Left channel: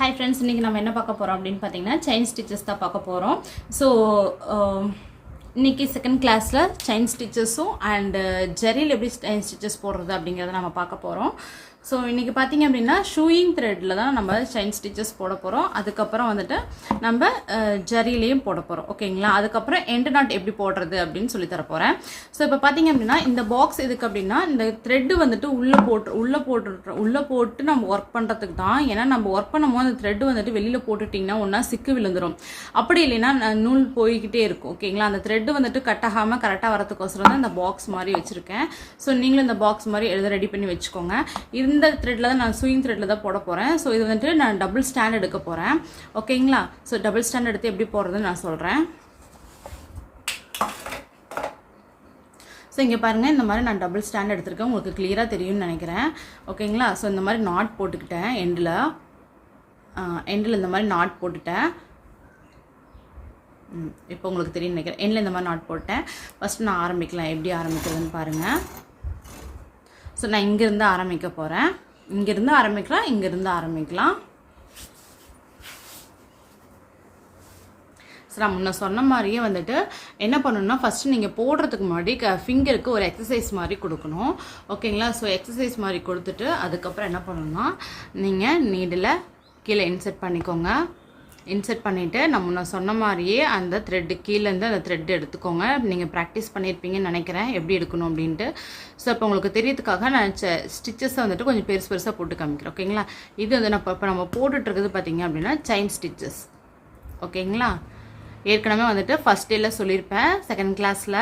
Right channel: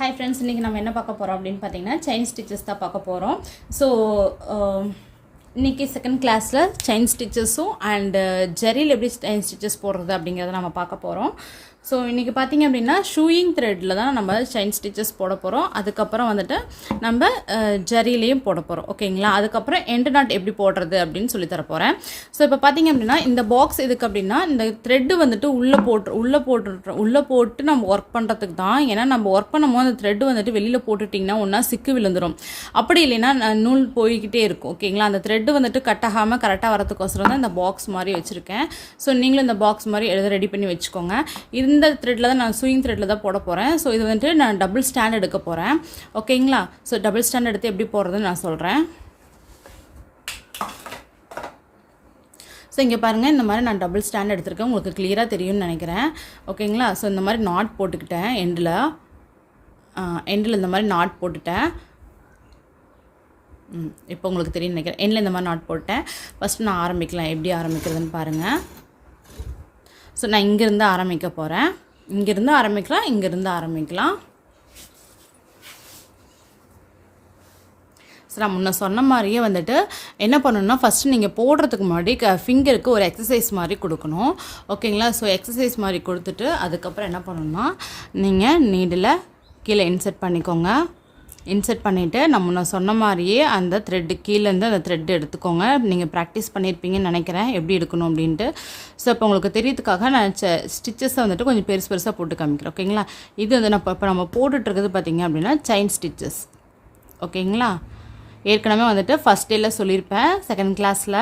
Hi friends, இன்னைக்கு நம்ம என்ன பார்க்க போறோம் அப்படினு பாத்தீங்கன்னா செயின் ஸ்டிச்சஸ் தான் பார்க்க போறோம். சோ இன்னைக்கு செகண்ட் கிளாஸ்ல செயின் ஸ்டிச்சஸும் அண்ட் ஜெரில எப்படி செயின் ஸ்டிச்சஸ் போடுறது அப்படிங்கறத நம்ம பார்க்க போறோம். ஸோ இன்றைக்கி பார்த்திங்க அப்படின்னா ஷூயிங் த்ரெட்டில் தான் நம்ம செயின் ஸ்டிச்சஸ் போட போகிறோம். அதுக்கப்புறம் வந்துட்டு நம்ம ஜரிலையும் போட போகிறோம். ஓகேங்களா? அதுக்கப்புறம் எண்டு நாட் எப்படி போடுறது அப்படின்னு சொல்லி தர போகிறேன். ஸோ இப்போ பார்த்திங்க அப்படின்னா இந்த பாக்ஸ் எதுக்கு அப்படின்னா இந்த த்ரெட்டு வந்துட்டு உள்ளே போட்டு நம்ம ஒர்க் பண்ணுறதுக்கு தான். ஏன்னா நம்ம ஒர்க் பண்ணும்போது அந்த த்ரெட்டு வந்துட்டு வெளியில் போட்டுட்டிங்கன்னா ஒன்றா சிக்கு விழுந்துடும். அப்படி இல்லைன்னா நூல் போய்கிட்டே இருக்கும். ஓகேங்களா? அந்த த்ரெட்டு வந்துட்டு கட் ஆகாமல் கரெக்டாக வரதுக்கோசரம் தான் இந்த பாக்ஸ் மாதிரி வச்சுருக்கேன். ஸோ நீங்களும் இந்த பாக்ஸ் மாதிரி ரெடி பண்ணி வச்சுக்கோங்க. இந்த த்ரெட்டில் தான் நான் ஸ்விங் த்ரெட்டில் தான் போட போகிறேன். ஸோ இது வந்துட்டு நான் டபுள் ஸ்டாண்ட் எடுக்க போகிறேன். ஓகேங்களா? ஸோ டபுள் ஸ்டாண்ட் எடுத்து எப்படி போடுறதுன்னு நான் சொல்கிறேன். ஸோ இங்கே பாருங்கள், இந்த மாதிரி நான் டபுள் ஸ்டாண்ட் எடுத்திருக்கேன். உங்களுக்கு கிளியராக தெரியும்னு நினைக்கிறேன். ஓகேங்களா? ஸோ இந்த மாதிரி நாட் போட்டுக்கிட்டேன். எண்டில் இந்த மாதிரி நாட் போட்டுட்டேன். இப்போ உங்களுக்கு தெரியும் நினைக்கிறேன். எண்டில் இந்த மாதிரி நாட் போட்டேன். ஃபஸ்ட்டு நான் ஆரம்பிக்கலாம். எப்படி ஆரம்பிக்கிறதுன்னு பாருங்கள். ஸோ நான் இங்கேருந்து ஆரம்பிக்க போகிறேன். இங்கேருந்து ஆரம்பிக்கலாம். ஸோ நான் முன்ன சொன்ன மாதிரியே வந்துட்டு என்ன பண்ணணும்னா ஃபஸ்ட்டு நீங்கள் போடுறதுக்கு முன்னாடி ஃபிங்கருக்கு ஒரு எக்ஸசைஸ் மாதிரி கொடுக்கணும். ஓகேங்களா? ஸோ எக்ஸசைஸ் மாதிரி கொடுத்துட்டு அதுக்கப்புறம் என்ன பண்ணணும்னா நீங்கள் நீடில் கீழே இன்செர்ட் பண்ணிக்கோங்க. இன்செர்ட் பண்ணிவிட்டு நான் சொன்ன மாதிரியே அந்த த்ரெட்டு கீழேருந்து அந்த த்ரெட்டு எடுத்துக்கோங்க. நீங்கள் ப்ராக்டிஸ் பண்ணியிருப்பீங்கன்னு நினைக்கிறேன் எப்படி எடுக்கணும் அப்படின்ட்டு. ஸோ இப்போ உங்களுக்கு தெரியறதுக்காக நான் ஸ்டிச்சஸை வந்துட்டு கொஞ்சம் பெருசாக போட்டு காமிக்கிறேன். ஓகேங்களா? இது வந்து இப்போ நம்ம போட்டுட்ருக்கிறது பார்த்திங்க அப்படின்னா செயின் ஸ்டிச்சஸ். ஓகேங்களா? ஏற்கனவே வந்துட்டு ஃபஸ்ட் டேயில் சொல்லியிருப்பேன் செகண்ட் கிளாஸில்.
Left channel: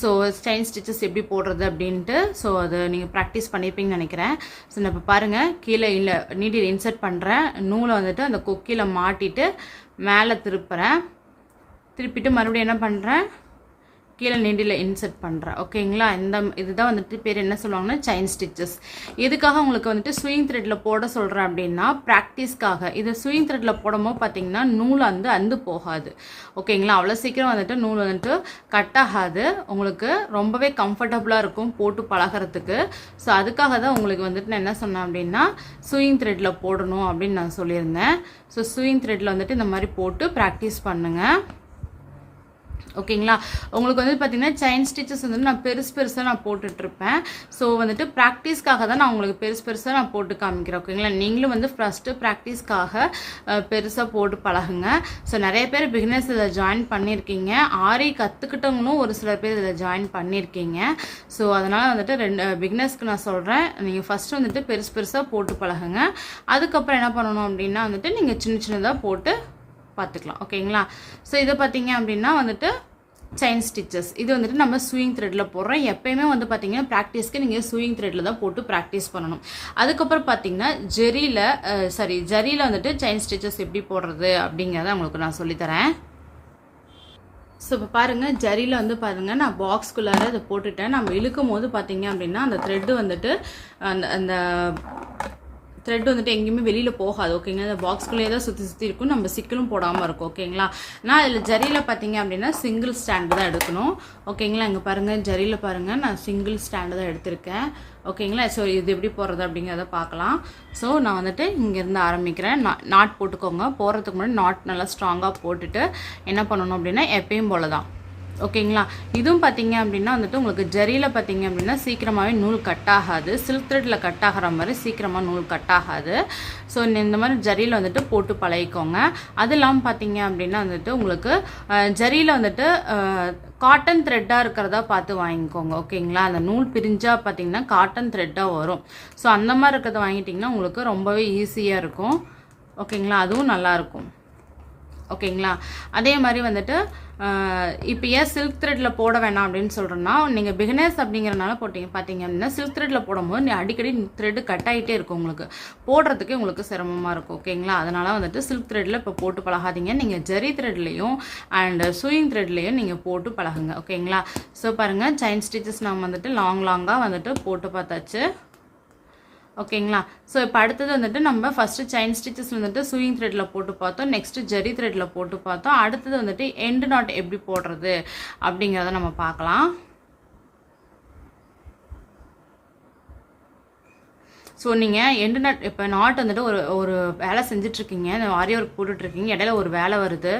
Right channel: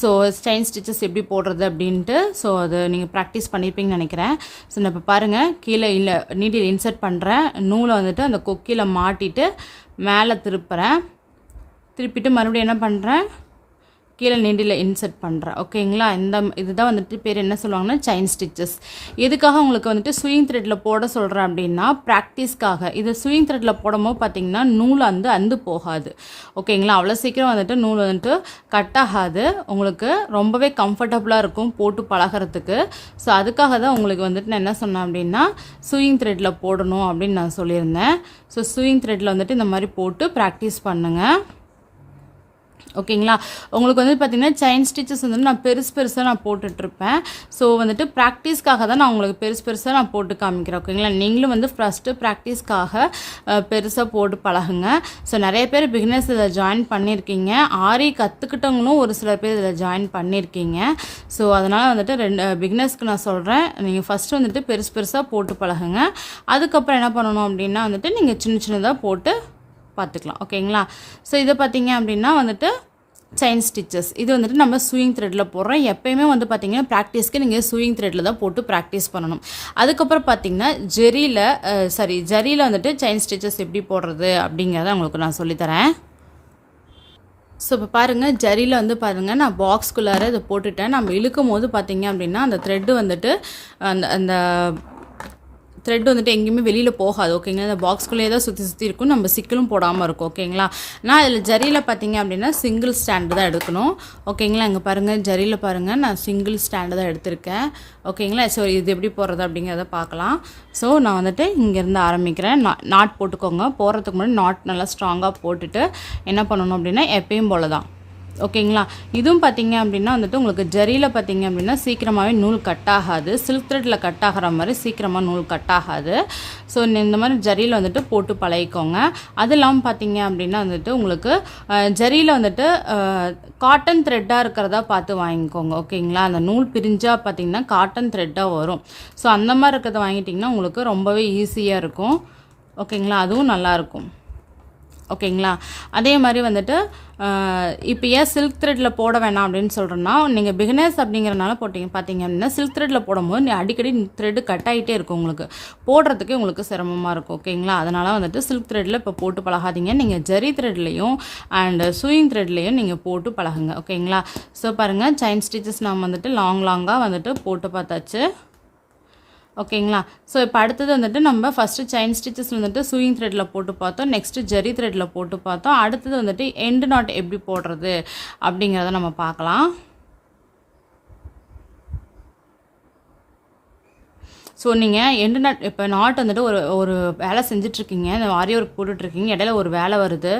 ஸோ செயின் ஸ்டிச்சஸ் எப்படி போடுறது அப்படின்ட்டு. ஸோ அது நீங்கள் ப்ராக்டிஸ் பண்ணியிருப்பீங்கன்னு நினைக்கிறேன். ஸோ நான் இப்போ பாருங்கள், கீழே இல்லை நீடில் இன்சர்ட் பண்ணுறேன். நூலை வந்துட்டு அந்த கொக்கியில் மாட்டிட்டு மேலே திருப்பிட்டு மறுபடியும் என்ன பண்ணுறேன், கீழே நீடில் இன்சர்ட் பண்ணுறேன். ஓகேங்களா? இதுதான் வந்துட்டு பேர் என்ன சொல்லுவாங்கன்னா செயின் ஸ்டிச்சஸ். எதுக்காக உங்களுக்கு வந்துட்டு ஸ்விங் த்ரெட்டில் போட சொல்கிறேன் அப்படின்னா ப்ராக்டிஸ்க்காக. இது ஸ்விங் த்ரெட்டில் போடும்போது பார்த்திங்கன்னா நூல் அந்து போகாது. ஓகேங்களா? அவ்வளோ சீக்கிரம் வந்துட்டு நூல் வந்துட்டு கட் ஆகாது. உங்களுக்கு ரொம்பவே கம்ஃபர்டபுளாக இருக்கும் போட்டு பழகிறதுக்கு. ஸோ அதுக்காக தான் உங்களுக்கு வந்துட்டு நான் என்ன சொன்னேன் அப்படின்னா ஸ்விங் த்ரெட்டில் போடணும் அப்படின்னு நான் சொல்லியிருந்தேன். ஸோ ஸ்விங் த்ரெட்டில் வந்துட்டு இந்த மாதிரி போட்டு ப்ராக்டிஸ் பண்ணுங்கள். ஓகேங்களா? உங்களுக்கு வந்து பார்த்திங்கன்னா செயின் ஸ்டிச்சஸ் வந்துட்டு நான் பெருசாக நான் போட்டுட்ருப்பேன். ஸோ வந்துட்டு ப்ராக்டிஸ்க்காக தான் நான் உங்களுக்கு பெருசாக நான் போட்டு காமிக்கிறேன். ஓகேங்களா? நீங்களும் வந்து ஃபஸ்ட்டு ப்ராக்டிஸ்க்காக பெருசாக போட்டு பழகுங்க. ஸோ நிறைய பேர் பிகினர்ஸ் இதில் ஜாயின் பண்ணியிருக்கீங்க. ஆரி கற்றுக்கிட்டவங்களும் ஒரு சில பேர் இதில் ஜாயின் பண்ணியிருக்கீங்க. ஸோ அதனால் வந்துட்டு பிகினர்ஸ்க்கு நான் சொல்கிறேன், நீங்கள் ஃபஸ்ட்டு வந்துட்டு பெருசாக போட்டு பழகுங்க. அதுக்கப்புறம் என்ன பண்ணணும் அப்படின்னா வந்துட்டு நீங்கள் சின்னதாக போட்டு பார்த்துக்கலாம். ஓகேங்களா? ஸோ இதை பார்த்தீங்க அப்படின்னா வந்துட்டு செயின் ஸ்டிச்சஸ். இது வந்துட்டு நம்ம ஸ்விங் த்ரெட்டில் போடுறோம். எப்போயுமே வந்து பார்த்தீங்கன்னா ப்ராக்டிஸ்க்கு நீங்கள் ஸ்விங் த்ரெட்டில் தான் போட்டு ப்ராக்டிஸ் பண்ணணும். அதுக்கப்புறம் பார்த்தீங்கன்னா ஜரியில் வந்துட்டு செயின் ஸ்டிச்சஸ் எப்படி போடுறது அப்படிங்கிறத உங்களுக்கு நான் சொல்லித்தரேன். ஸோ இப்போ பாருங்கள், ஜரியில் வந்து பாருங்கள் நான் பாக்ஸ்குள்ளார இதை போட்டுட்டேன். நம்ம இழுக்கும் போது பார்த்தீங்க அப்படின்னா அந்த த்ரெட்டு வந்துட்டு அந்த த்ரெட் வந்துட்டு எங்கேயுமே வெளியில் போகாது. ஓகேங்களா? அந்த பாக்ஸ்குள்ளேயே தான் சுற்றி இருக்கும். நம்ம சிக்கலும் போடாமல் இருக்கும். ஓகேங்களா? நான் இதில் ஜரியில் பார்த்தீங்க அப்படின்னா சிங்கிள் ஸ்டாண்டு தான் எடுக்கணும். ஓகேங்களா? இங்கே பாருங்கள், ஜரியில் பாருங்கள் நான் சிங்கிள் ஸ்டாண்டு தான் எடுத்திருக்கேன். ஓகேங்களா? ஸோ இது எப்படி போடுறது அப்படிங்கிறத பார்க்கலாம். ஸோ நான் வந்துட்டு இங்கேருந்து ஆரம்பிக்கிறேன். நாட் போட்டுக்கோங்க. போடுறதுக்கு முன்னாடி நாட் நல்லா ஸ்ட்ராங்காக போட்டுட்டு என்ன பண்ணணும் அப்படின்னா எப்பயும் போல தான். ஓகேங்களா? இதுவும் பார்த்தீங்க அப்படின்னா வந்துட்டு உங்களுக்கு ஜரியில் பார்த்தீங்க அப்படின்னா சீக்கிரமாகவே நூல் கட் ஆகாது. சில்க் த்ரெட்டில் கட் ஆகிற மாதிரி சீக்கிரமாக நூல் கட் ஆகாது. ஸோ இந்த மாதிரி ஜரியில் வந்துட்டு போட்டு பழகிக்கோங்க. அது இல்லாமல் பார்த்தீங்க அப்படின்னா வந்துட்டு உங்களுக்கு ஜரியில் வந்துட்டு காட்டன் த்ரெட்டாக இருக்கிறதா பார்த்து வாங்கிக்கோங்க. ஓகேங்களா? அந்த நூல் பிரிஞ்சால் பார்த்தீங்கன்னா காட்டன் த்ரெட்டாக வரும். ஸோ அந்த மாதிரி இருக்கிறத வாங்கிட்டிங்கன்னா உங்களுக்கு ரொம்பவே ஈஸியாக இருக்கும். ஓகேங்களா? அதுவும் நல்லாயிருக்கும். ஓகேங்களா? அதே மாதிரி வந்துட்டு இப்போ ஏன் சில்க் த்ரெட்டில் போட வேணாம் அப்படின்னு சொல்கிறேன்னா, நீங்கள் பிகினர்ஸ் அப்படிங்கிறனால பார்த்தீங்க அப்படின்னா சில்க் த்ரெட்டில் போடும்போது அடிக்கடி த்ரெட்டு கட் ஆகிட்டே இருக்கும். உங்களுக்கு போடுறதுக்கே உங்களுக்கு சிரமமாக இருக்கும். ஓகேங்களா? அதனால் வந்துட்டு சில்க் த்ரெட்டில் இப்போ போட்டு பழகாதீங்க. நீங்கள் ஜரி த்ரெட்லேயும் அண்ட் ஸ்விங் த்ரெட்லேயும் நீங்கள் போட்டு பழகுங்க. ஓகேங்களா? ஸோ பாருங்கள், செயின் ஸ்டிச்சஸ் நம்ம வந்துட்டு லாங்காக வந்துட்டு போட்டு பார்த்தாச்சு. ஓகேங்களா? ஸோ இப்போ அடுத்தது வந்துட்டு நம்ம ஃபஸ்ட்டு செயின் ஸ்டிச்சஸ் வந்துட்டு ஸ்விங் த்ரெட்டில் போட்டு பார்த்தோம். நெக்ஸ்ட்டு ஜரி த்ரெட்டில் போட்டு பார்த்தோம். அடுத்தது வந்துட்டு எண்டு நாட் எப்படி போடுறது அப்படிங்கிறத நம்ம பார்க்கலாம். ஸோ நீங்கள் எண்டு நாட் இப்போ நாட் வந்துட்டு ஒரு ஒரு வேலை செஞ்சிட்ருக்கீங்க, இந்த ஆரி ஒர்க் போட்டுட்ருக்கீங்க, இடையில ஒரு வேலை வருது.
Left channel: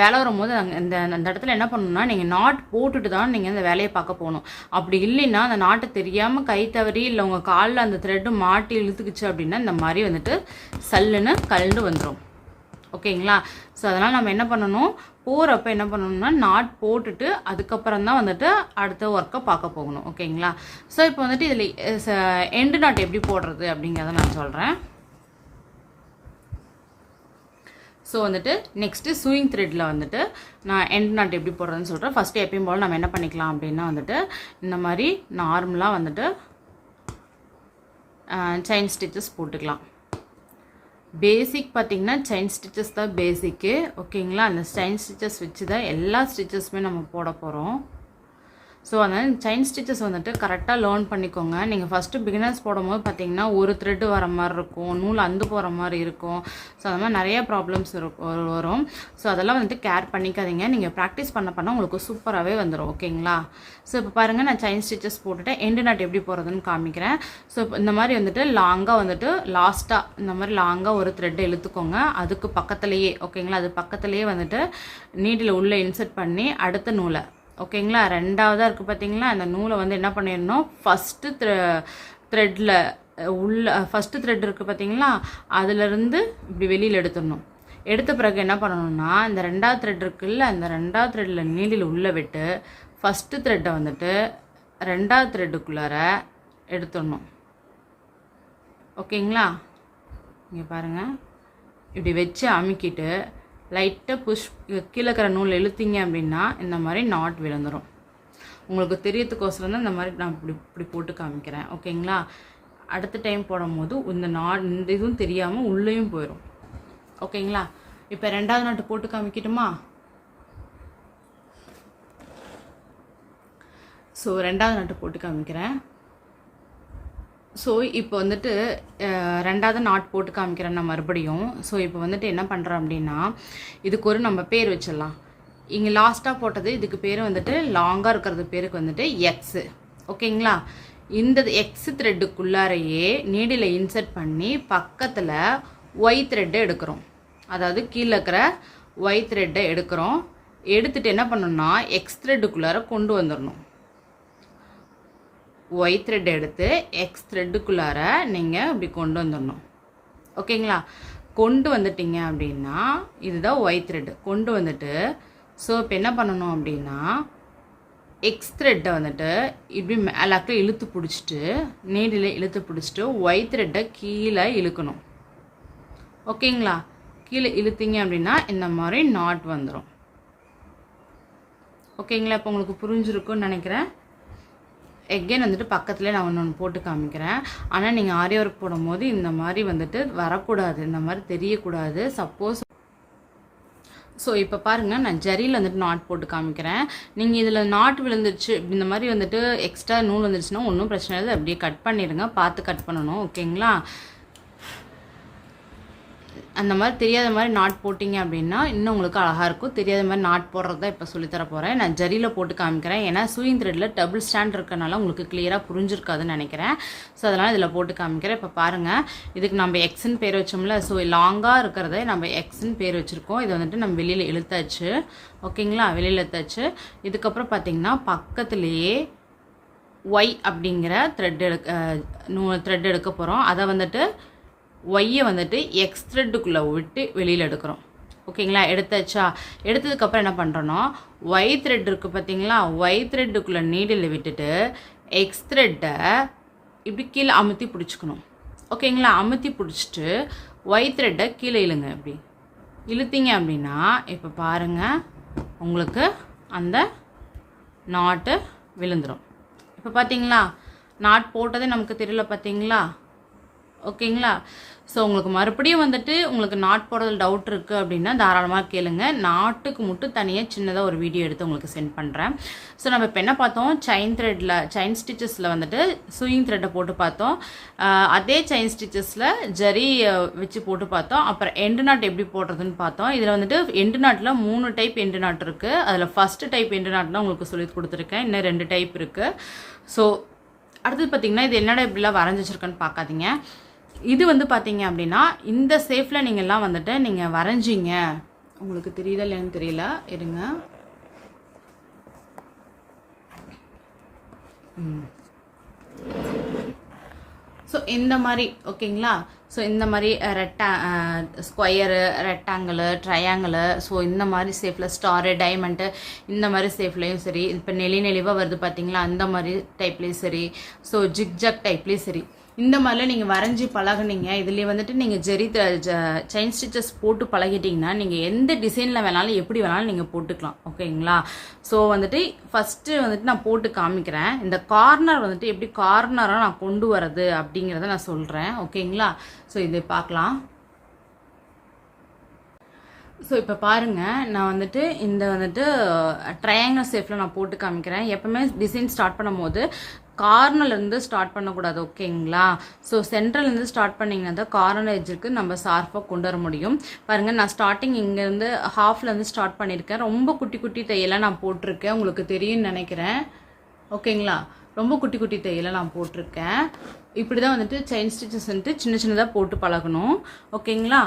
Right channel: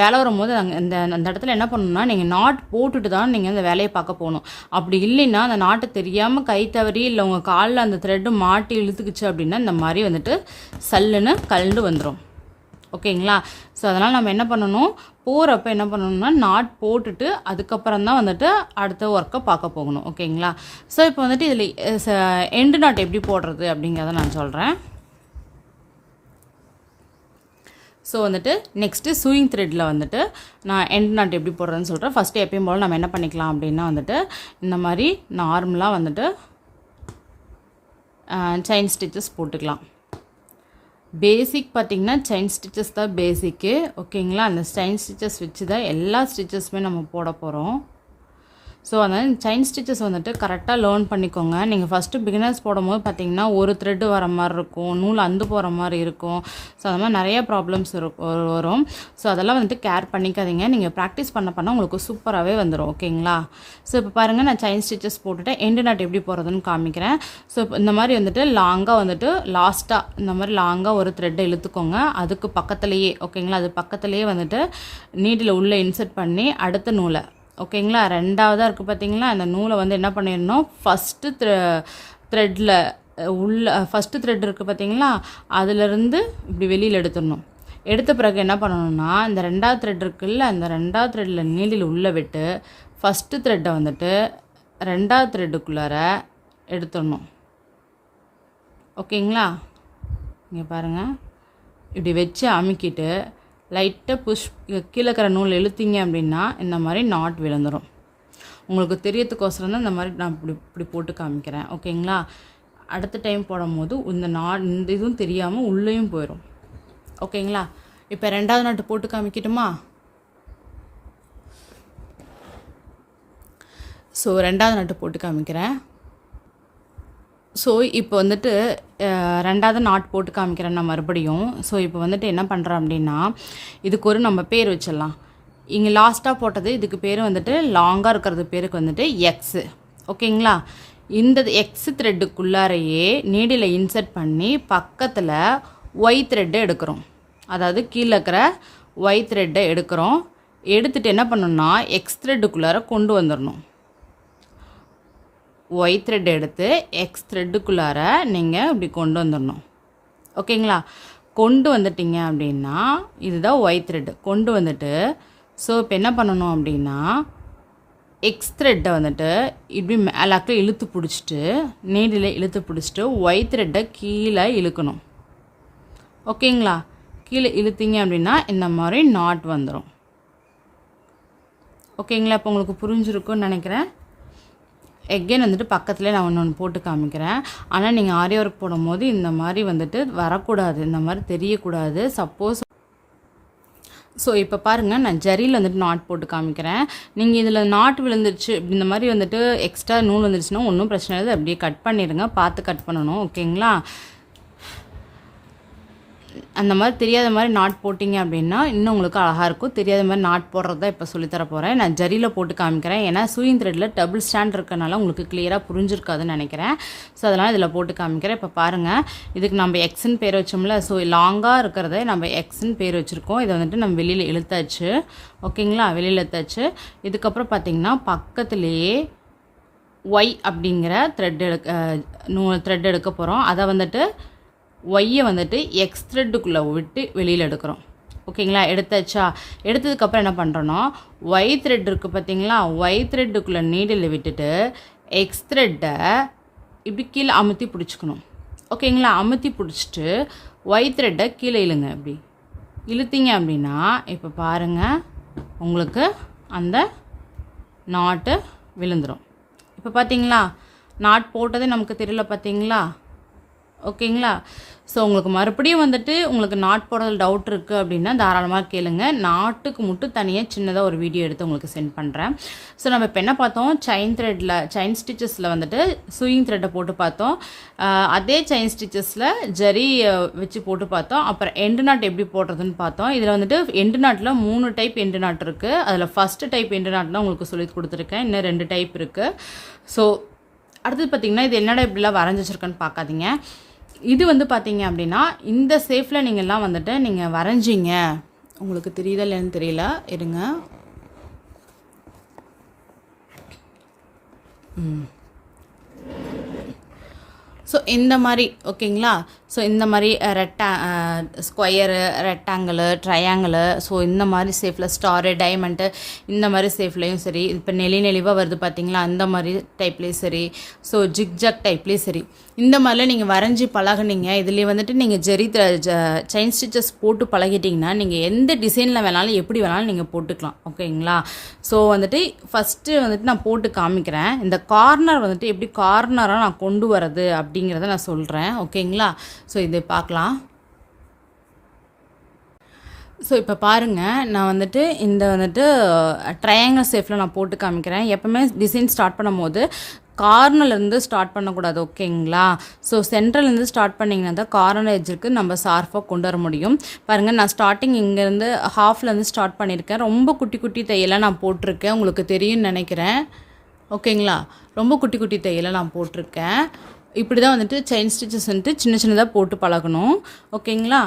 வேலை வரும்போது அந்த இடத்துல என்ன பண்ணணும்னா, நீங்கள் நாட் போட்டுட்டு தான் நீங்கள் அந்த வேலையை பார்க்க போகணும். அப்படி இல்லைன்னா அந்த நாட்டை தெரியாமல் கை தவறி இல்லை உங்கள் காலில் அந்த த்ரெட்டு மாட்டி இழுத்துக்குச்சு அப்படின்னா இந்த மாதிரி வந்துட்டு சல்லுன்னு கழண்டு வந்துடும். ஓகேங்களா? ஸோ அதனால் நம்ம என்ன பண்ணணும், போகிறப்ப என்ன பண்ணணும்னா நாட் போட்டுட்டு அதுக்கப்புறம் தான் வந்துட்டு அடுத்த ஒர்க்கை பார்க்க போகணும். ஓகேங்களா? ஸோ இப்போ வந்துட்டு இதில் எண்டு நாட் எப்படி போடுறது அப்படிங்கிறத நான் சொல்கிறேன். ஸோ வந்துட்டு நெக்ஸ்ட்டு சூயிங் த்ரெட்டில் வந்துட்டு நான் எண்ட் நாட் எப்படி போடுறதுன்னு சொல்கிறேன். ஃபஸ்ட்டு எப்பயும் போல் நம்ம என்ன பண்ணிக்கலாம் அப்படின்னா வந்துட்டு இந்த மாதிரி நார்மலாக வந்துட்டு செயின் ஸ்டிச்சஸ் போட்டுக்கலாம். பேசிக் பார்த்திங்கன்னா செயின் ஸ்டிச்சஸ் தான் பேசிக்கு. ஓகேங்களா? அந்த செயின் ஸ்டிச்சஸ் வச்சு தான் எல்லா ஸ்டிச்சஸுமே நம்ம போட போகிறோம். ஸோ அதனால் செயின் ஸ்டிச்சஸ் வந்துட்டு கரெக்டாக லேர்ன் பண்ணிக்கோங்க. நீங்கள் ஃபஸ்ட்டு பிகினர்ஸ் போடும்போது பார்த்திங்கன்னா ஒரு த்ரெட்டு வர மாதிரி இருக்கும், நூல் அந்து போகிற மாதிரி இருக்கும். ஸோ அது மாதிரி நிறைய ப்ராப்ளம்ஸ் வரும். ஸோ அதெல்லாம் வந்துட்டு கேர் பண்ணிக்காதீங்க. நீங்கள் ப்ராக்டிஸ் பண்ண உங்களுக்கு சூப்பராகவே வந்துடும். ஓகேங்களா? ஸோ இப்போ பாருங்கள், நான் செயின் ஸ்டிச்சஸ் போட்டுட்டு எண்டு நாட் எப்படி போகிறதுன்னு காமிக்கிறேன். ஸோ இப்போ இந்த மாதிரி வந்துட்டு லாங்காக வந்துட்டு லாஸ்ட்டாக இந்த மாதிரி லாங்காக ஒரு த்ரெட்டை இழுத்துக்கோங்க. அதுக்கு பக்கத்துலேயே, ஓகேங்களா, அது பக்கத்துலேயே வந்துட்டு நீடில் உள்ளே இன்சர்ட் பண்ணி அடுத்த நூலை, ஓகேங்களா, ரெண்டாவதாக இருக்குது பார்த்தீங்களா, அந்த நூலை வந்து என்ன பண்ணிடணும், ஃபஸ்ட்டு த்ரெட்டில் ஃபஸ்ட்டு த்ரெட் இருக்குது பார்த்தீங்களா, அதிலிருந்து இப்படி வெளியில் எடுத்துடணும். எடுத்த பிறகு என்ன பண்ணணும்னா இந்த ரெண்டாவது த்ரெட் இருக்குல்ல, அந்த ரெண்டாவது த்ரெட்டில் நீடில் உள்ளே விட்டு ஃபஸ்ட்டு த்ரெட்டை வந்துட்டு ரெண்டாவது த்ரெட்டுக்குள்ளார எடுத்துடணும். ஓகேங்களா? இங்கே பாருங்கள், இப்படி வச்சு அமுக்கிட்டு லைட்டாக கீழே இருக்கிற நூல் இழுத்தீங்க அப்படின்னா இந்த மாதிரி நாட் விழுந்துடும். உங்களுக்கு தெரியறதுக்கோசரம் தான் இந்த மாதிரி நான் இப்படி போட்டு காமிக்கிறேன். ஓகேங்களா? அடுத்த டைம் போடும்போது இந்த இதுவும் தெரியாமல் உள்ளேயும் போயிடும். ஓகேங்களா? இப்போ ரெண்டாவது நாட்டு போட்டு காமிக்கட்டுமா? ஸோ ரெண்டாவது நாட்டு போட்டு காமிக்கிறேன். ஸோ இப்போ வந்துட்டு ரெண்டாவது நாட் போட்டு காமிக்கிறேன் நான் மறுபடியும். ஸோ இப்போ வந்துட்டு என்ன பண்ணுறேன் அப்படின்னா, இதுக்கு ஒரு நம்ம பேர் வச்சிடலாம். இங்கே லாஸ்ட்டாக போட்டது இதுக்கு பேர் வந்துட்டு லாங்காக இருக்கிறது பேருக்கு வந்துட்டு எக்ஸு. ஓகேங்களா? இந்த எக்ஸு த்ரெட்டுக்குள்ளாரையே நீடில் இன்சர்ட் பண்ணி பக்கத்தில் ஒய் த்ரெட்டை எடுக்கிறோம். அதாவது கீழே இருக்கிற ஒய் த்ரெட்டை எடுக்கிறோம். எடுத்துகிட்டு என்ன பண்ணணும்னா எக்ஸ் த்ரெட்டுக்குள்ளார கொண்டு வந்துடணும். ஒய் த்ரெட் எடுத்து எக்ஸ் த்ரெட்டுக்குள்ளார நீங்கள் இப்படி கொண்டு வந்துடணும். ஓகேங்களா? கொண்டு வந்துட்டீங்க அப்படின்னா இதுதான் ஒய் த்ரெட்டு. கொண்டு வந்துட்டு ஸோ இப்போ என்ன பண்ணணும் அப்படின்னா எக்ஸ் த்ரெட்டை வந்துட்டு இப்படி மேலாக்க இழுத்து பிடிச்சிட்டு நீடில் இழுத்து பிடிச்சிட்டு ஒய் த்ரெட்டை கீழே இழுக்கணும். ஓகேங்களா? கீழே இழுத்தீங்க அப்படின்னா இந்த மாதிரி நாட் வந்துடும். ஓகேங்களா? இப்போ உங்களுக்கு புரிஞ்சிருக்குன்னு நினைக்கிறேன். எகெயின் வந்துட்டு பக்கத்துலேயே நான் ஒன்று போட்டு காமிக்கிறேன். ஆனால் நீங்கள் ஆரி ஒர்க் போடும்போது இந்த மாதிரி வந்துட்டு வரக்கூடாது, இந்த மாதிரி தெரியக்கூடாது. சப்போஸ் ஸோ இப்போ பாருங்கள், நான் ஜரியில் வந்துட்டு நாட் போட்டு காமிக்கிறேன். நீங்கள் இதில் நாட் விழுந்துருச்சு இந்த மாதிரி வந்துட்டு எக்ஸ்ட்ரா நூல் வந்துருச்சுன்னா ஒன்றும் பிரச்சனை இல்லை, அப்படியே கட் பண்ணிடுங்க. பார்த்து கட் பண்ணணும். ஓகேங்களா? அந்த மாதிரி தெரியாத மாதிரி நாட் போட்டிங்க அப்படின்னா இன்னும் உங்களுக்கு அழகாக இருக்கும். தெரியாத மாதிரி நாட் போடுறது தான் இப்போ சொல்லித்தர போகிறேன். நான் ஜரியில் போட்டு காமிக்கிறேன். ஏன்னா சூயிங் த்ரெட்டில் டபுள் ஸ்டாண்ட் இருக்கனால உங்களுக்கு கிளியராக புரிஞ்சிருக்காதுன்னு நினைக்கிறேன். ஸோ அதனால் இதில் போட்டு காமிக்கிறேன். இப்போ பாருங்கள், இதுக்கு நம்ம எக்ஸ்ன்னு பேர் வச்சோம்ல. ஸோ லாங்காக இருக்கிறத நம்ம எக்ஸ்ன்னு பேர் வச்சுருக்கோம். இதை வந்துட்டு நம்ம வெளியில் இழுத்தாச்சு. ஓகேங்களா? வெளியில் இழுத்தாச்சு. இதுக்கப்புறம் பார்த்திங்கன்னா பக்கத்துலேயே ஒய் அப்படிங்கிற த்ரெட் எடுக்க போகிறோம். அதை வந்துட்டு ஒய்யை வந்துட்டு எக்ஸ் த்ரெட்டுக்குள்ளே விட்டு வெளியில் எடுக்கிறோம். ஓகேங்களா? எடுத்தாச்சா? எடுத்ததுக்கப்புறம் என்ன பண்ணுறோன்னா ஒய் த்ரெட் இருக்குது பார்த்தீங்களா, ஒய் த்ரெட்டுக்குள்ளே நீடில் விட்டுட்டு எக்ஸ் த்ரெட்டை இப்படி கீழே அமுத்தி பிடிச்சிக்கணும். ஓகேங்களா? அமுத்தி பிடிச்சிட்டு ஒய் த்ரெட்டை கீழே இழுங்க. இப்படி இழுத்தீங்க அப்படின்னா இப்போ பாருங்கள், உங்களுக்கு அந்த நாட்டு விழுந்துடும். இப்போ பார்த்தீங்களா, நாட் போட்டதே நமக்கு தெரியல பார்த்தீங்களா? ஓகேங்களா? ஸோ உங்களுக்கு மறுபடியும் வந்துட்டு உங்களுக்கு நாட் போடுறதுல டவுட் இருக்குது அப்படின்னா தாராளமாக கேளுங்க. நாட்டுக்கு மட்டும் தனியாக சின்னதாக ஒரு வீடியோ எடுத்து உங்களுக்கு சென்ட் பண்ணுறேன். ஸோ நம்ம இப்போ என்ன பார்த்தோம், செயின் ஸ்டிச்சஸில் வந்துட்டு சூயிங் த்ரெட்டை போட்டு பார்த்தோம். அதே செயின் ஸ்டிச்சஸில் ஜரி வச்சு போட்டு பார்த்தோம். அப்புறம் எண்டு நாட் எப்படி போடுறதுன்னு பார்த்தோம். இதில் வந்துட்டு எண்டு நாட்டில் 3 டைப் எண்டு நாட் இருக்குது. அதில் ஃபஸ்ட்டு டைப் எண்டு நாட் தான் உங்களுக்கு சொல்லி கொடுத்துருக்கேன். இன்னும் 2 டைப் இருக்குது. ஸோ அடுத்தது பார்த்திங்கன்னா இது என்னடா இப்படிலாம் வரைஞ்சி வச்சுருக்கேன்னு பார்க்காதீங்க. இது வந்து பார்த்தீங்க அப்படின்னா இந்த சேஃபில் நீங்கள்லாம் வந்துட்டு நீங்கள் வரைஞ்சிங்க, உங்களுக்கு தெரியுதா இல்லைன்னு தெரியல, இருங்க. ஸோ இந்த மாதிரி ஓகேங்களா. ஸோ இந்த மாதிரி ஸ்கொயரு, ரெக்டாங்கிளு, ட்ரையாங்கிளு, ஸோ இந்த மாதிரி சேஃபில் ஸ்டாரு, டைமண்டு, இந்த மாதிரி சேஃப்லேயும் சரி, இப்போ நெளிவாக வருது பார்த்தீங்களா, அந்த மாதிரி டைப்லேயும் சரி, ஸோ ஜிக்ஜாக் டைப்லேயும் சரி, இந்த மாதிரிலாம் நீங்கள் வரைஞ்சி பழகுனீங்க. இதுலேயே வந்துட்டு நீங்கள் செயின் ஸ்டிச்சஸ் போட்டு பழகிட்டிங்கன்னா நீங்கள் எந்த டிசைனில் வேணாலும் எப்படி வேணாலும் நீங்கள் போட்டுக்கலாம். ஓகேங்களா. ஸோ வந்துட்டு ஃபஸ்ட்டு வந்துட்டு நான் போட்டு காமிக்கிறேன். இந்த கார்னர் வந்துட்டு எப்படி கார்னராக நான் கொண்டு வரது அப்படிங்கிறத நான் சொல்கிறேன். ஓகேங்களா. ஸோ இதை பார்க்கலாம். ஸோ இப்போ பாருங்கள், நான் வந்துட்டு இந்த வந்துட்டு ட்ரையாங்கிள் ஷேப்பில் நான் போட்டு காமிக்கிறேன். எப்போவுமே டிசைன் ஸ்டார்ட் பண்ணும் போது கார்னர்லேருந்து ஸ்டார்ட் பண்ணக்கூடாது. ஓகேங்களா. ஸோ சென்ட்ரல்லேருந்து ஸ்டார்ட் பண்ணிங்கன்னா தான் கார்னர் எட்ஜுக்கு நம்ம ஷார்ப்பாக கொண்டு வர முடியும். பாருங்கள், நான் ஸ்டார்டிங் இங்கேருந்து ஹாஃப்லேருந்து ஸ்டார்ட் பண்ணியிருக்கேன். ரொம்ப குட்டி குட்டி தையெல்லாம் நான் போட்டிருக்கேன், உங்களுக்கு தெரியும்னு நினைக்கிறேன். ஓகேங்களா. ரொம்ப குட்டி குட்டி தையெல்லாம் நான் போட்டிருக்கேன். இப்படி தான் வந்துட்டு செயின் ஸ்டிச்சஸ் வந்துட்டு சின்ன சின்னதாக போட்டு பழகணும். ஓகேங்களா.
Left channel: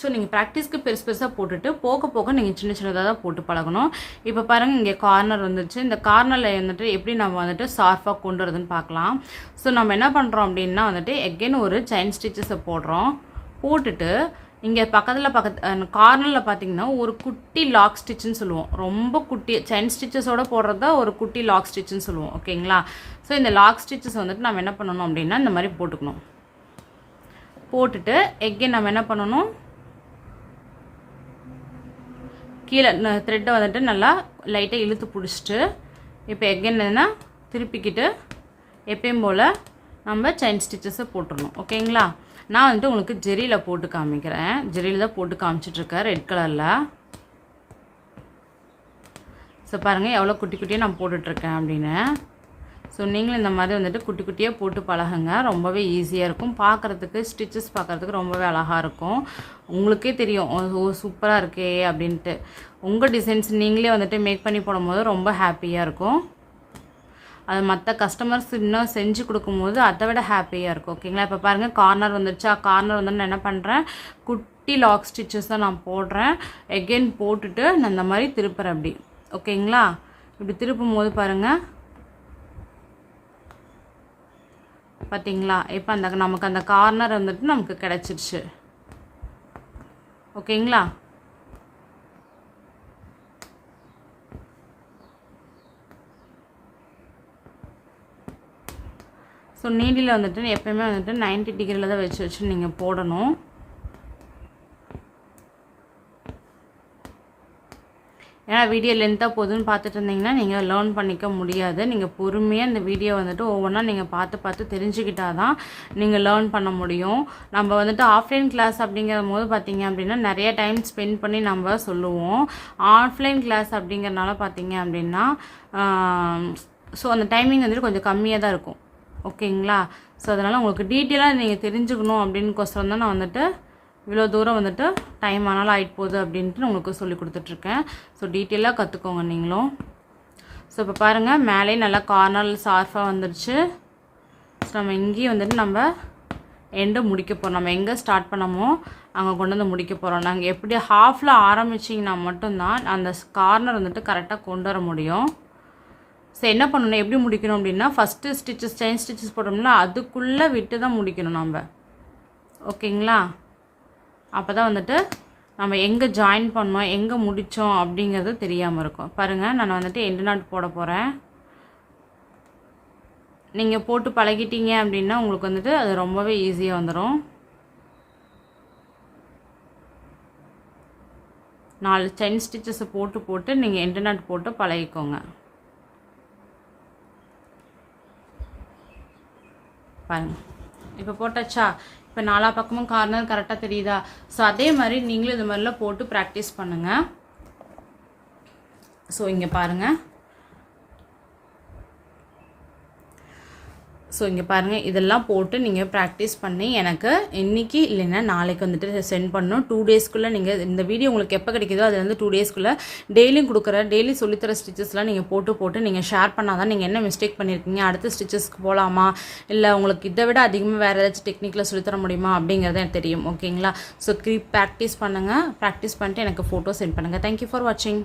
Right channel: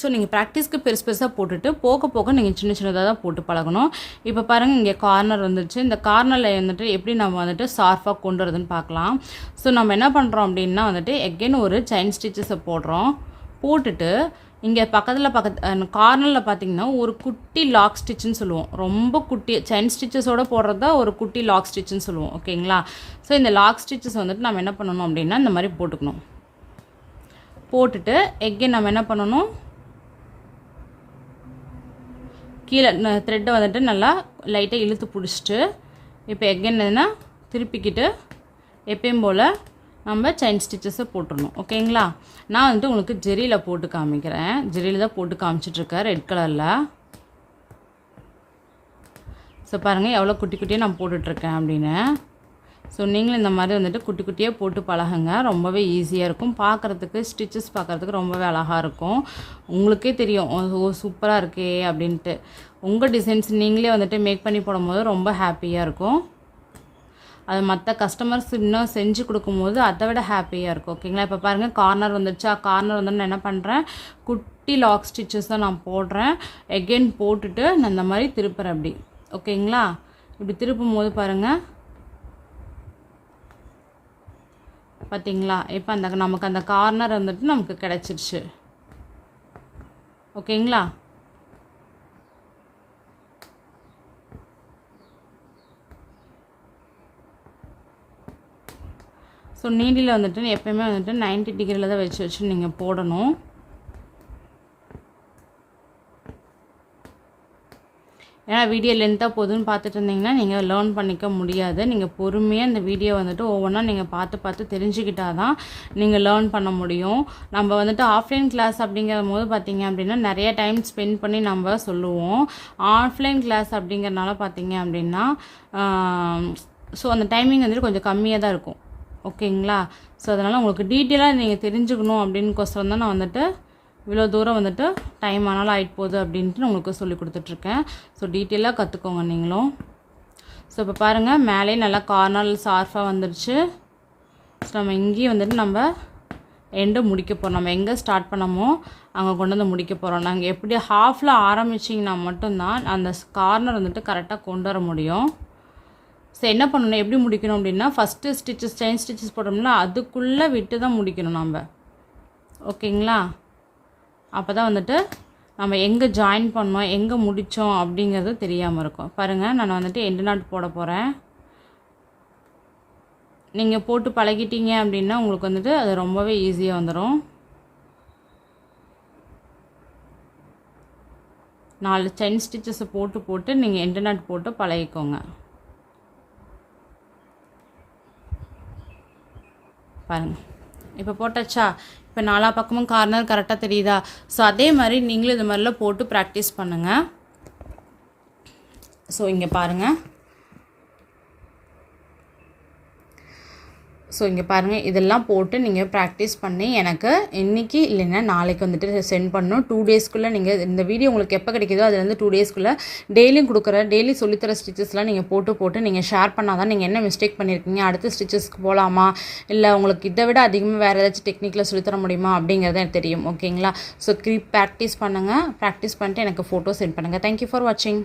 ஸோ நீங்கள் ப்ராக்டிஸ்க்கு பெருசாக போட்டுட்டு போக போக நீங்கள் சின்ன சின்னதாக தான் போட்டு பழகணும். இப்போ பாருங்கள், இங்கே கார்னர் வந்துச்சு. இந்த கார்னரில் வந்துட்டு எப்படி நம்ம வந்துட்டு ஷார்ப்பாக கொண்டு வரதுன்னு பார்க்கலாம். ஸோ நம்ம என்ன பண்ணுறோம் அப்படின்னா வந்துட்டு எகெயின் ஒரு செயின் ஸ்டிச்சஸை போடுறோம். போட்டுட்டு இங்கே கார்னரில் பார்த்திங்கன்னா ஒரு குட்டி லாக் ஸ்டிச்சுன்னு சொல்லுவோம். ரொம்ப குட்டி செயின் ஸ்டிச்சஸோடு போடுறது தான் ஒரு குட்டி லாக் ஸ்டிச்சுன்னு சொல்லுவோம். ஓகேங்களா. ஸோ இந்த லாக் ஸ்டிச்சஸ் வந்துட்டு நம்ம என்ன பண்ணணும் அப்படின்னா இந்த மாதிரி போட்டுக்கணும். போட்டுட்டு எகெயின் நம்ம என்ன பண்ணணும், கீழே த்ரெட்டை வந்துட்டு நல்லா லைட்டாக இழுத்து பிடிச்சிட்டு இப்போ எகெயின் என்னன்னா திருப்பிக்கிட்டு எப்பயும் போல் நம்ம செயின் ஸ்டிச்சஸை போட்டுடணும். ஓகேங்களா. நான் வந்துட்டு உங்களுக்கு ஜெரியில் போட்டு காமிக்கிறேன். ஜெரியில் தான் போட்டு காமிச்சிட்ருக்கேன், ரெட் கலரில். ஸோ பாருங்கள் எவ்வளோ குட்டி குட்டியாக நான் போட்டுட்ருக்கேன் அப்படின்னு. ஸோ நீங்களும் இந்த மாதிரி வந்துட்டு குட்டி குட்டியாக போட்டு பழகுங்க. ரொம்பவே ஈஸியாக இருக்கும். பார்க்குறதுக்கு ஸ்டிச்சஸ் பார்க்குறதுக்கு ரொம்பவே அழகாக இருக்கும். உங்களுக்கே தெரியும் ஓ சூப்பராக இருக்கே அப்படின்ட்டு. உங்கள் டிசைன்ஸ் நீங்களே வந்துட்டு மேக் பண்ணி போடும்போது ரொம்ப ஹாப்பியாக இருக்கும். அது மற்ற கஸ்டமர்ஸ் இன்னும் செஞ்சு கொடுக்கும்போது அதை விட ஹாப்பியாக இருக்கும். ஓகேங்களா. இப்போ பாருங்கள், கார்னர் வந்துடுச்சா. கார்னர் வந்து நான் என்ன பண்ணுறேன், குட்டி லாக் ஸ்டிச்சஸ் தான் நான் போடுறேன். எகெயின் போட்டுட்டு நான் இந்த மாதிரி திருப்புறேன் அப்படி. ஓகேங்களா. இப்படி திருப்பும் போது பாருங்கள், பார்த்தீங்களா. இப்போ நமக்கு அந்த கார்னர் வந்துட்டு நமக்கு கிடச்சிருச்சு. ஓகேங்களா. ஸோ நீடில் வந்துட்டு எப்போயுமே வந்துட்டு 90 டிகிரியில் தான் வச்சு நீங்கள் போடணும். ஏன்னா வீடியோ லென்த்தாக போகுதுன்னு பார்த்துட்டு இருந்தீங்கன்னா நீங்கள் லேர்ன் பண்ணிக்க முடியாது. நீங்கள் பொறுமையாக இந்த வீடியோ வந்துட்டு ஒவ்வொன்றா நீங்கள் பார்த்து தெரிஞ்சுக்கிட்டால் தான் நீங்கள் லேர்ன் பண்ண முடியும். நம்ம வந்துட்டு ஆஃப்லைன் கிளாஸ் அப்படிங்கிற போது பார்த்திங்க அப்படின்னா நிறைய டைம் ஸ்பெண்ட் பண்ணி நம்ம சொல்லுவோம். ஆஃப்லைன் கிளாஸ் அப்படிங்கிறனால பார்த்திங்க அப்படின்னா ஸோ அந்த டைமிங் வந்துட்டு கொஞ்சம் கம்மியாக தான் இருக்கும். ஓகேங்களா. ஸோ அதனால் உங்களுக்கு டீட்டெயிலாக நீங்கள் தெரிஞ்சுக்கணும் அப்படின்னுக்கோசரம் தான் நான் வந்துட்டு இவ்வளோ தூரம் வந்துட்டு டைம் ஆனாலும் ஆகிட்டு போகுது அப்படின்ட்டு உங்களுக்கு சொல்லி கொடுத்துட்ருக்கேன். ஸோ டீட்டெயிலாக கற்றுக்கோங்க நீங்களும். ஸோ இப்போ பாருங்கள், மேலே நல்லா கார்னரில் ஷார்ப்பாக வந்துடுச்சு. ஸோ நம்ம இங்கேயும் வந்துட்டு நம்ம எண்டு முடிக்க போகிறோம். நம்ம எங்கே ஸ்டார்ட் பண்ணமோ அங்கே கொண்டு வந்து முடிக்க போகிறோம். நாங்கள் எப்படி ஹாஃபில் ஆரம்பிச்சிங்கன்னா மட்டும்தான் அந்த கார்னர் வந்துட்டு கரெக்டாக கொண்டு வர முடியும். ஸோ என்ன பண்ணணும், எப்படி முடிக்கணும் அப்படின்னா ஃபஸ்ட்டு ஸ்டிச்சஸ் செயின் ஸ்டிச்சஸ் போட்டோம்னா அதுக்குள்ளே விட்டு தான் முடிக்கணும் நம்ம. ஓகேங்களா. அப்போ தான் வந்துட்டு நம்ம எங்கே ஜாயின் பண்ணோம் எங்கே முடித்தோம் அப்படிங்கிறது தெரியாமல் இருக்கும். பாருங்கள், நான் வந்துட்டு எண்டு நாட் போட போகிறேன். நீங்கள் போட்டு பழகிட்டீங்க அப்படின்னா உங்களுக்கு வந்துட்டு அது ரொம்பவே ஈஸியாக வந்துடும். 4 செயின் ஸ்டிச்சஸை போட்டு நீங்கள் எண்டு நாட் போட்டு பழகிக்கோங்க. பாருங்கள், இப்போ போட்டாச்சா. இப்போ 4 பக்கமும் கார்னர் கரெக்டாக தெரியுதா. ஸோ அதே மாதிரி நீங்களும் இது மாதிரிலாம் போட்டு ப்ராக்டிஸ் பண்ணுங்கள். ஸோ இங்கே பாருங்கள், ஸோ இங்கே பாருங்கள், இதெல்லாம் போட்டு நீங்கள் ப்ராக்டிஸ் பண்ணி எனக்கு இன்றைக்கி இல்லைன்னா நாளைக்கு வந்துட்டு சென்ட் பண்ணணும். 2 டேஸ்க்குள்ளே நீங்கள் இந்த வீடியோ உங்களுக்கு எப்போ கிடைக்குதோ அது வந்து 2 டேஸ்க்குள்ளே டெய்லி சொல்லித்தர ஸ்டிச்சஸ்லாம் நீங்கள் போட்டு நீங்கள் ஷேர் பண்ணால் தான் நீங்கள் என்ன மிஸ்டேக் பண்ணியிருக்கீங்க, அடுத்த ஸ்டிச்சஸ்க்கு போகலாமா, இல்லை உங்களுக்கு இதை விட அதிகமாக வேறு ஏதாச்சும் டெக்னிக்கில் சொல்லித்தர முடியுமா அப்படிங்கிறது எனக்கு தெரியும். ஓகேங்களா? ஸோ ப்ராக்டிஸ் பண்ணுங்கள். ப்ராக்டிஸ் பண்ணிட்டு எனக்கு ஃபோட்டோ சென்ட் பண்ணுங்கள். தேங்க்யூ ஃபார் வாட்சிங்.